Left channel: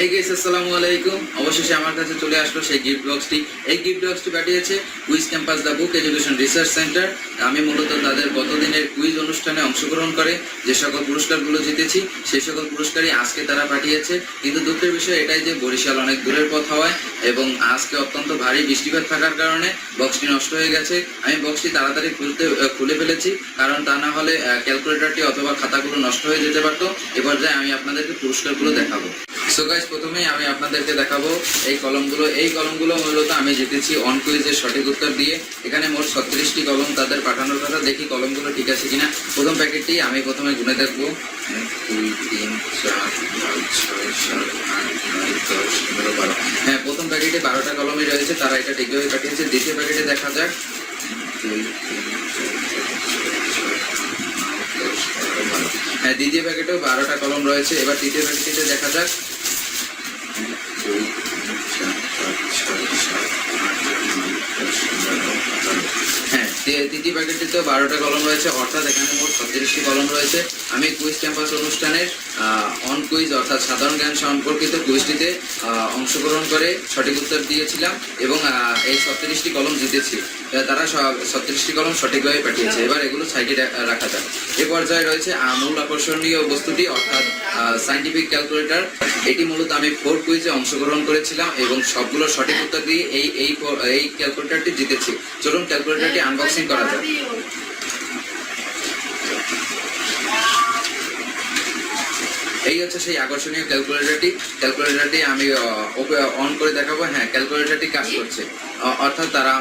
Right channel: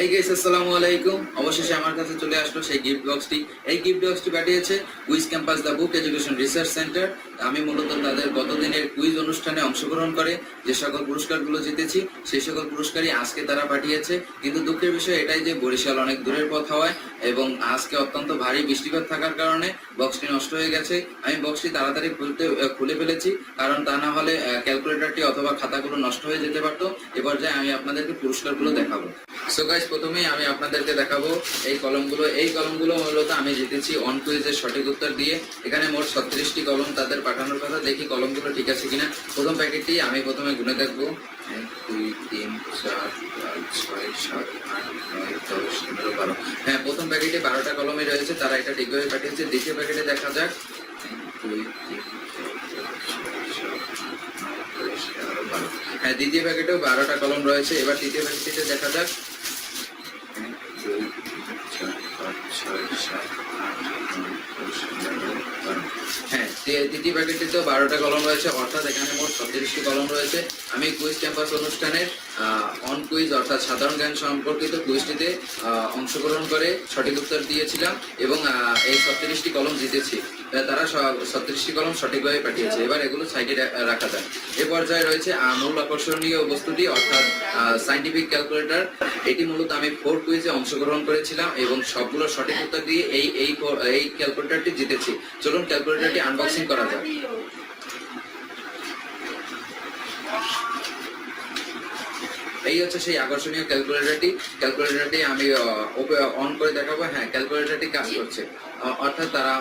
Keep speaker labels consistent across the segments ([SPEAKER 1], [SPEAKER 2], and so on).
[SPEAKER 1] Hi guys আসসালামু আলাইকুম অবশেষে আমার কাছে চলে আসলো সেই গিফট বক্সটি এই গিফট বক্সটি পাঠিয়েছে quiz campus the book education research centre আমি মূলত তাদের গতদিনের কুইজ অনুষ্ঠানে অংশগ্রহণ করে যে সকল পুরস্কারগুলো জিতেছি সেই সকল পুরস্কারই আজকে তারা পাঠিয়েছে। কিন্তু দুঃখের বিষয় এটাই যে বরিশাল অনেক দূরের পথ হওয়ায় এবং আজকে অত্যন্ত ভারী বৃষ্টিপাত থাকার কারণে বক্সটি নষ্ট হয়ে গেছে। আমি বক্সটি তাড়াতাড়ি খুলতে খুলে ফেলেছি, কারণ তা না হলে ক্যালকুলেটরটি অথবা খাতাগুলো নষ্ট হয়ে যেতে পারতো। এ পর্যায়ে আমি আপনাদেরকে পুরস্কারগুলো দেখাবো। সো গাইস প্রথমেই আমি আপনাদেরকে দেখাবো এই কলমগুলো। এই কলমগুলো মূলত আমি জিতেছি অন কুইজের সঠিক উত্তর দিয়ে। এখানে মোট ছত্রিশটি কলম তাদের পাঠানোর কথা। দেখি কলমগুলো ঠিক আছে কিনা। প্রথম প্যাকেটটি আমি প্রথমে গুনে দেখব। দুই হ্যাঁ প্রথম প্যাকেটে বারোটা কলমে রয়েছে, তারা এটা ঠিকভাবে পাঠিয়েছে। দ্বিতীয় প্যাকেটে দেখা যাক। হ্যাঁ দ্বিতীয় প্যাকেটেও বারোটা কলম রয়েছে। এবার তৃতীয় প্যাকেটে দেখা যাক। হ্যাঁ তৃতীয় প্যাকেটটিতে বারোটা কলম রয়েছে, অর্থাৎ এখানে মোট ছত্রিশটি কলম রয়েছে। আমি কুইজ ক্যাম্পাস অনুষ্ঠানের অন কুইজ অর্থাৎ সাধারণ জ্ঞান সম্পর্কিত কুইজটিতে অংশগ্রহণ করে সঠিক উত্তর দিয়েছিলাম এবং এই ছত্রিশটি কলম জিতেছি। তারা ছত্রিশটি কলম সঠিকভাবে পাঠিয়েছে। এবার এগুলো সাইডে রাখা যায় এ পর্যায়ে রয়েছে মূল আকর্ষণীয় বস্তুটি, অর্থাৎ সাইন্টিফিক ক্যালকুলেটর এটি মূলত আমি ফোর কুইজে অংশগ্রহণ করেছিলাম এবং সবগুলো সঠিক উত্তর দিয়ে এই এই ক্যালকুলেটারটি এই ক্যালকুলেটরটি জিতেছি। চলুন ক্যালকুলেটরটি আনবক্সিং করা যাক এই হচ্ছে সেই আকর্ষণীয় ক্যালকুলেটরটি ক্যালকুলেটরটি আমি অন করে দেখাবো। হ্যাঁ ক্যালকুলেটরটি কাজ করছে। অর্থাৎ তারা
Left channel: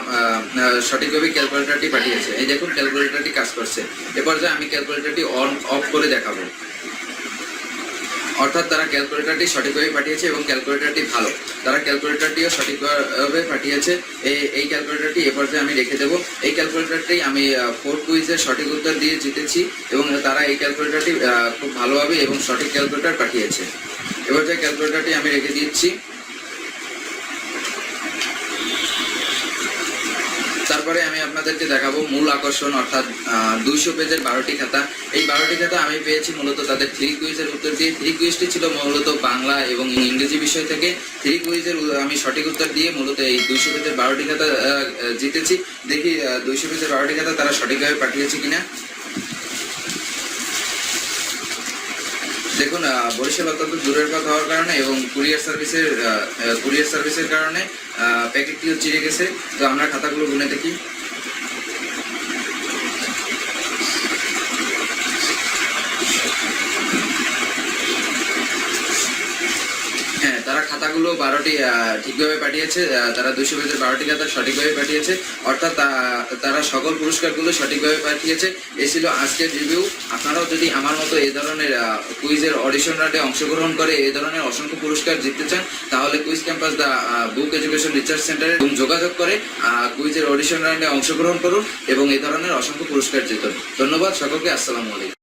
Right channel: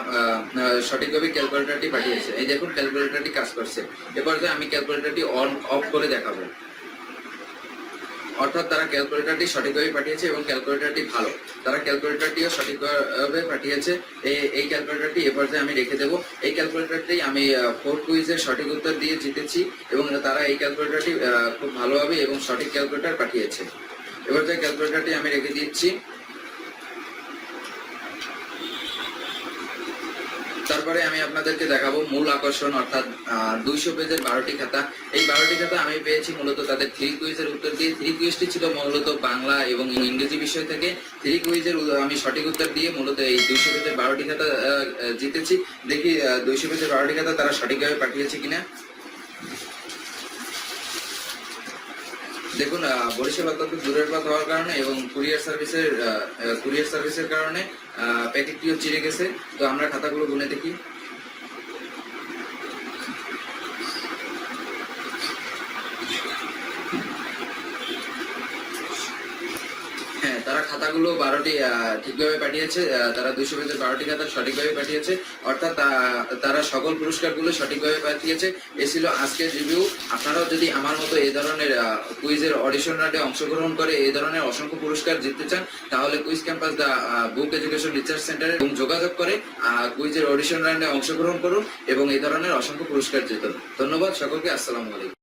[SPEAKER 1] সঠিকভাবে ক্যালকুলেটরটি পাঠিয়েছে। এই দেখুন ক্যালকুলেটরটি কাজ করছে। এ পর্যায়ে আমি ক্যালকুলেটরটি অন অফ করে দেখাবো। অর্থাৎ তারা ক্যালকুলেটারটি সঠিকভাবে পাঠিয়েছে এবং ক্যালকুলেটারটি ভালো। তারা ক্যালকুলেটারটিও সঠিকভাবে পাঠিয়েছে। এই এই ক্যালকুলেটারটি এ পর্যায়ে আমি রেখে দেবো। এই ক্যালকুলেটারটি আমি ফোর কুইজের সঠিক উত্তর দিয়ে জিতেছি এবং তারা এই ক্যালকুলেটারটি খুব ভালোভাবে এবং সঠিক ক্যালকুলেটার পাঠিয়েছে। এবার যে ক্যালকুলেটারটি আমি রেখে দিচ্ছি। তারপরে আমি আপনাদেরকে দেখাবো মূল আকর্ষণ, অর্থাৎ দুইশো পেজের বারোটি খাতা। এই বারোটি খাতা আমি পেয়েছি মূলত তাদের থ্রি কুইজের উত্তর দিয়ে। থ্রি কুইজটি ছিল মূলত বাংলা এবং ইংরেজি বিষয় থেকে। থ্রি কুইজের আমি সঠিক উত্তর দিয়ে মূলত এই দুইশো পেজের বারোটি খাতা জিতেছি। দেখি দুইশো পেজের বারোটি খাতা তারা সঠিকভাবে পাঠিয়েছে কিনা। দেখুন বরিশাল অত্যন্ত দূরের পথ হওয়ার কারণে এবং কুরিয়ার সার্ভিসের কুরিয়ার সার্ভিসের কারণে প্যাকেটটিও চিড়ে গেছে। তো আমরা খাতাগুলো গুনে দেখি হ্যাঁ তারা খাতাগুলো বারোটি ঠিকভাবে পাঠিয়েছে তারা দুশো পেজের বারোটি খাতা সঠিকভাবে পাঠিয়েছে, অর্থাৎ তারা সকল পুরস্কারগুলো সঠিকভাবে পাঠিয়েছে। এ ছিল আজকের রিভিউ আপনারাও যদি আমার মতো এই ধরনের কুইজের অডিশন রাউন্ডে অংশগ্রহণ করে এ ধরনের অসংখ্য পুরস্কার জিততে চান, তাহলে quiz campus the book education research সেন্টারে যোগাযোগ করে কুইজের অডিশন রাউন্ডে অংশগ্রহণ করুন এবং এ ধরনের অসংখ্য পুরস্কার জিতুন। ধন্যবাদ সকলকে, আসসালামু আলাইকুম।